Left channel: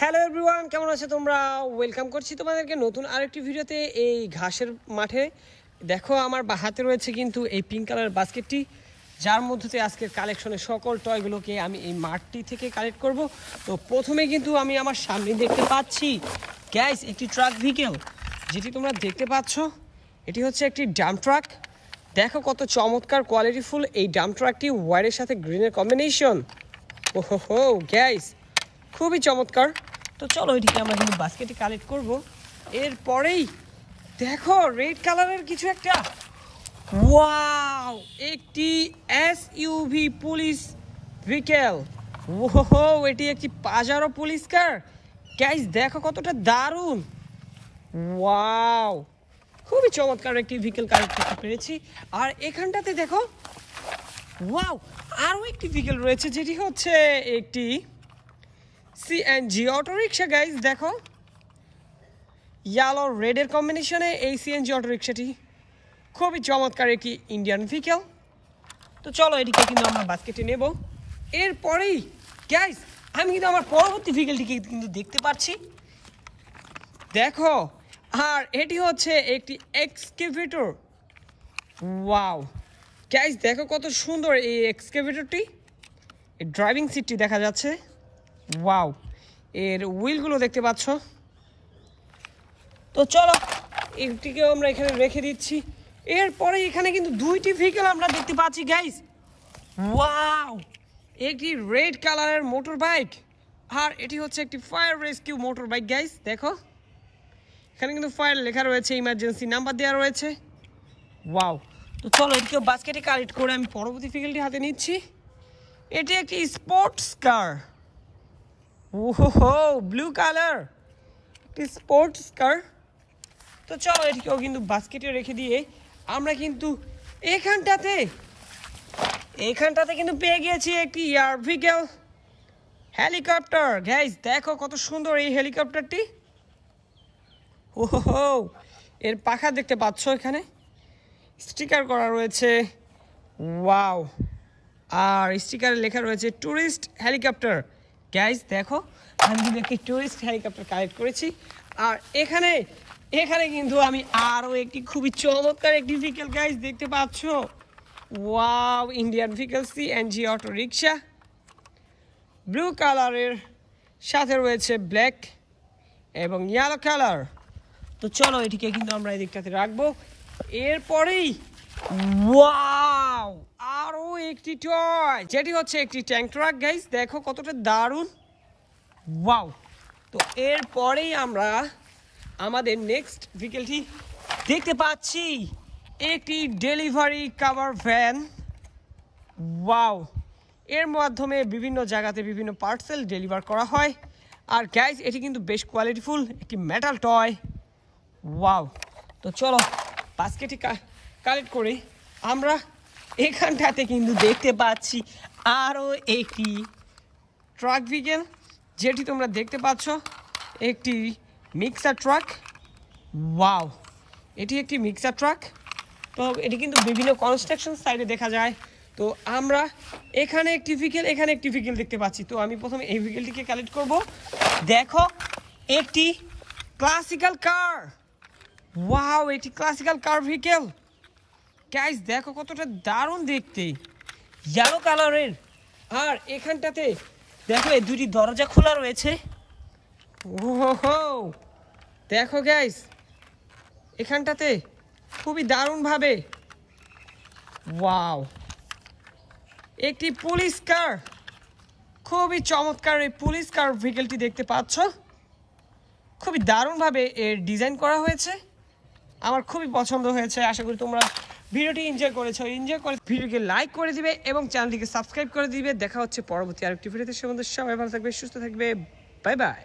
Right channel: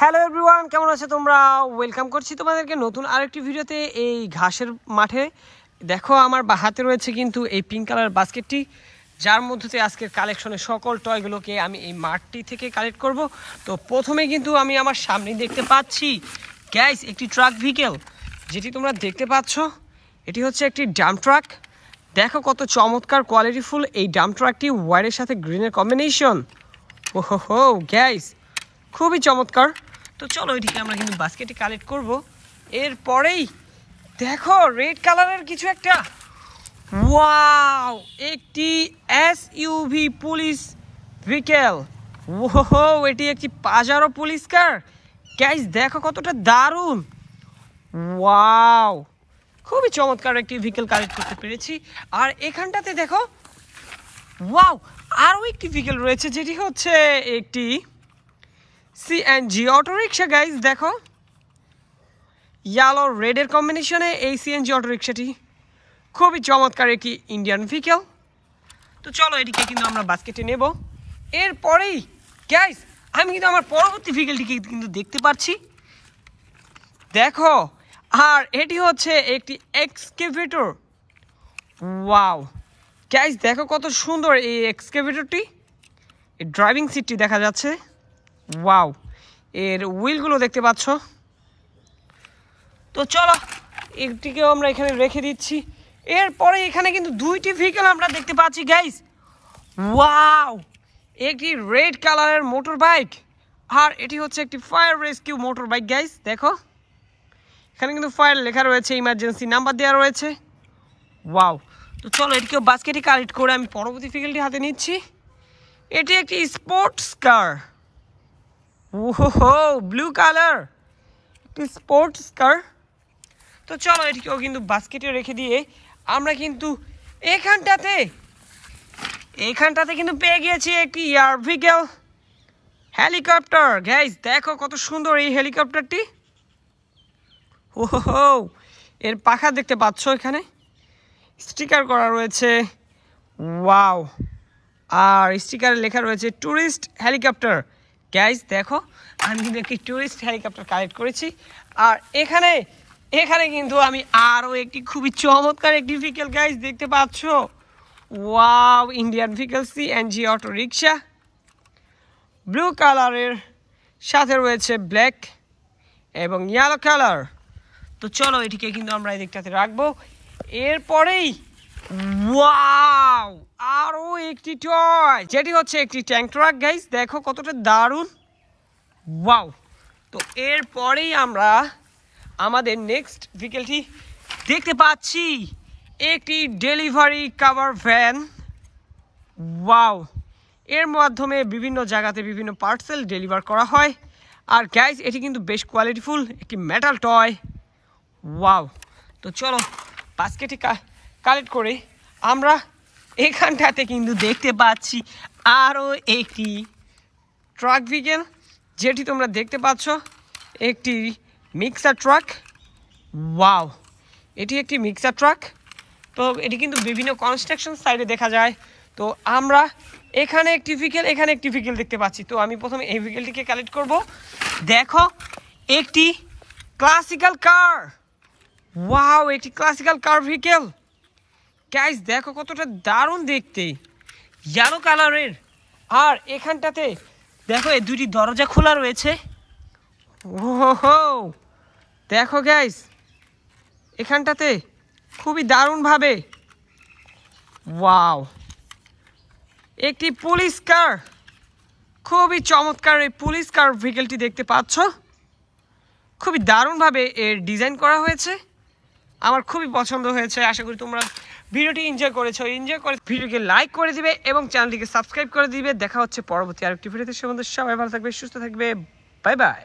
Hello everyone, কেমন আছো তোমরা? ওয়েলকাম করছি তোমাদেরকে নতুন আরেকটি ভিডিওতে। এই ঘাসের মাঠে দেখো আমার হাতে রয়েছে কিন্তু এই পিঙ্ক কালার বাস্কেটটি, যার মধ্যে আজকের কালেকশনের সকল টয়গুলোকে আমি এই মাঠটি থেকে কালেক্ট করব। তো প্রথমে কিন্তু আমি আমার সামনে দেখতে পাচ্ছি গ্যাস একটি ট্রাক ভেহিকেল, যেটি তোমরা দেখতে পাচ্ছ এটি হচ্ছে একটি ডাম্প ট্রাক। দেখো কত চমৎকার কোয়ালিটিফুল এই ডাম্প ট্রাকটি, হোয়াইটের সাথে গ্রিনের কম্বিনেশন। ওহো গ্যাস, খুবই চমৎকার। তো চলো এটিকে আমরা কিন্তু বাস্কেটে কালেক্ট করব। এরপরেই দেখো রেড কালারের কিছু একটা, ওয়াও, একটি এসইউভি পুলিশ ভেহিকেল। ওহো, এটি একটি পাজারো পুলিশ কার। গাইস দেখো কতটা দারুণ, ওয়াও, খুবই চমৎকার একটি ভেহিকেল কালেক্ট করতে পেরেছি। আর এখানটাতে দেখো, ওয়াও, আরও একটি ভেহিকেল রয়েছে, যেটি হচ্ছে একটি সিএনজি অটো রিক্সা। গাইজ দেখো ইয়েলো রেডের কম্বিনেশনে এই সিএনজি অটো রিক্সাটি খুবই চমৎকার একটি ইন্ডিয়ান ভেহিকেল। তো চলো এটিকে কিন্তু আমরা বাস্কেটে নেব। এরপরেই গাইজ আমি কিন্তু আমার পরবর্তী ভেহিকেলটিকে কিন্তু দেখতে পাচ্ছি, দেখো, আর এটি হচ্ছে একটি এক্সকেভেটর। ওয়াও গাইজ দেখো কত সুন্দর এই এক্সকেভেটরটি, এই ড্রাইভিং সিটটি দেখা যাচ্ছে। ওয়াও, এর হুইলগুলো দেখতে পাচ্ছ। তো চলো এটিকেও আমরা এখানে রেখে দিচ্ছি। এরপরে এখানে কিন্তু দুইটি ভেহিকেল আমরা দেখতে পাচ্ছি গাইস। ওয়াও, একটি রেড কালারের মোটর বাইক, আর এটি হচ্ছে একটি fire rescue motor bike. Guys দেখো এখানে কিন্তু ফায়ার লেখা রয়েছে, ইমার্জেন্সি নাম্বার দেওয়া রয়েছে। ওয়াও, তো চলো এটিকেও বাস্কেটে কালেক্ট করে আমি পরবর্তী ভেহিকেলটি হাতে নিচ্ছি। এটি একটি স্পোর্টস কার। ওহো, ব্লু কালার একটি স্পোর্টস কার। তো চলো এটিকেও কিন্তু বাস্কেটে রেখে দিয়ে আমরা কিন্তু এখানটাতে কিন্তু পেয়ে গিয়েছি একটি এয়ার ভেহিকেল হেলিকপ্টার। গাইস দেখো কত সুন্দর এই হেলিকপ্টারটি। ওহো, এর পাখা দেখতে পাচ্ছ, এখানে স্টিকার করা রয়েছে। ওয়াও, আর স্টিকারে লেখা রয়েছে ট্যুরিস্ট হেলিকপ্টার। গাইস দেখো আমি কিন্তু একটি টুরিস্ট হেলিকপ্টার কালেক্ট করেছি। আর এখানে কিন্তু আমি আরও একটি খুবই চমৎকার একটি ভেহিকেল গাইস দেখতে পাচ্ছ। Wow, Indian vehicle CNG auto rickshaw, blue কালারের সাথে রয়েছে ব্ল্যাক এবং ইয়েলো কালার। তো চলো এটিকে কিন্তু আমরা এই দিকটাতে রাখবো। এরপরেই ওয়াও, আরও একটি টয়, যেটি হচ্ছে একটি ট্যাঙ্ক ট্রাক। গাইস দেখো কতটা দারুণ। ওয়াও, তো এরপরেই আমরা আমাদের নেক্সট ভেহিকেলটি দেখতে পাচ্ছি, একটি ডেলিভারি কাভার ভ্যান। ওয়াও, এর মাধ্যমে বিভিন্ন জায়গাতে বিভিন্ন পার্সেল ডেলিভার করা হয়। আর গাইস এটি কিন্তু বেশ কোয়ালিটিফুল একটি মেটাল টয়। ওয়াও, তো চলো বাস্কেটে কালেক্ট করে আমরা এখানটাতে কিন্তু দেখতে পাচ্ছি আরও একটি ট্রাক ভেহিকেল, যেটি তোমরা দেখতে পাচ্ছ একটি মিক্সার ট্রাক। ওয়াও, এটি একটি মিক্সার ট্রাক। তো এটি কিন্তু বিভিন্ন কনস্ট্রাকশন সাইডে দেখা যায়। তো আমরা এখানে একটি ভেহিকেল দেখতে পাচ্ছি। তো আমি প্রথমে এই ভেহিকেলটিকে কালেক্ট করব। দেখো একটি ক্লাসিক্যাল কার। ওয়াও, একটি ক্লাসিক্যাল কার ভেহিকেল। গাইস দেখো কতটা দারুণ দেখতে, ইয়েলো কালারের। আর এখানটাতে দেখো এই দুটি দরজা খোলা রয়েছে। ওহো, দেখো গাইস এখানটাতে খুবই দারুণভাবে। ওয়াও, একটি পুলিশ কার, খুবই চমৎকার এই পুলিশ কার ভেহিকেলটি দেখতে পাচ্ছ। খুবই দারুণভাবে এর ডিজাইন করা হয়েছে, আমার খুবই পছন্দ হয়েছে। আশা করি তোমরা ভিডিওটি এনজয় করেছো। ভিডিওকে লাইক করে দিবে এবং চ্যানেলটিকে সাবস্ক্রাইব করে দিবে। দেখা হচ্ছে পরবর্তী আরেকটি ভিডিওতে। সে মধ্যে সবাই ভালো থাকবে, সুস্থ থাকবে। Bye bye.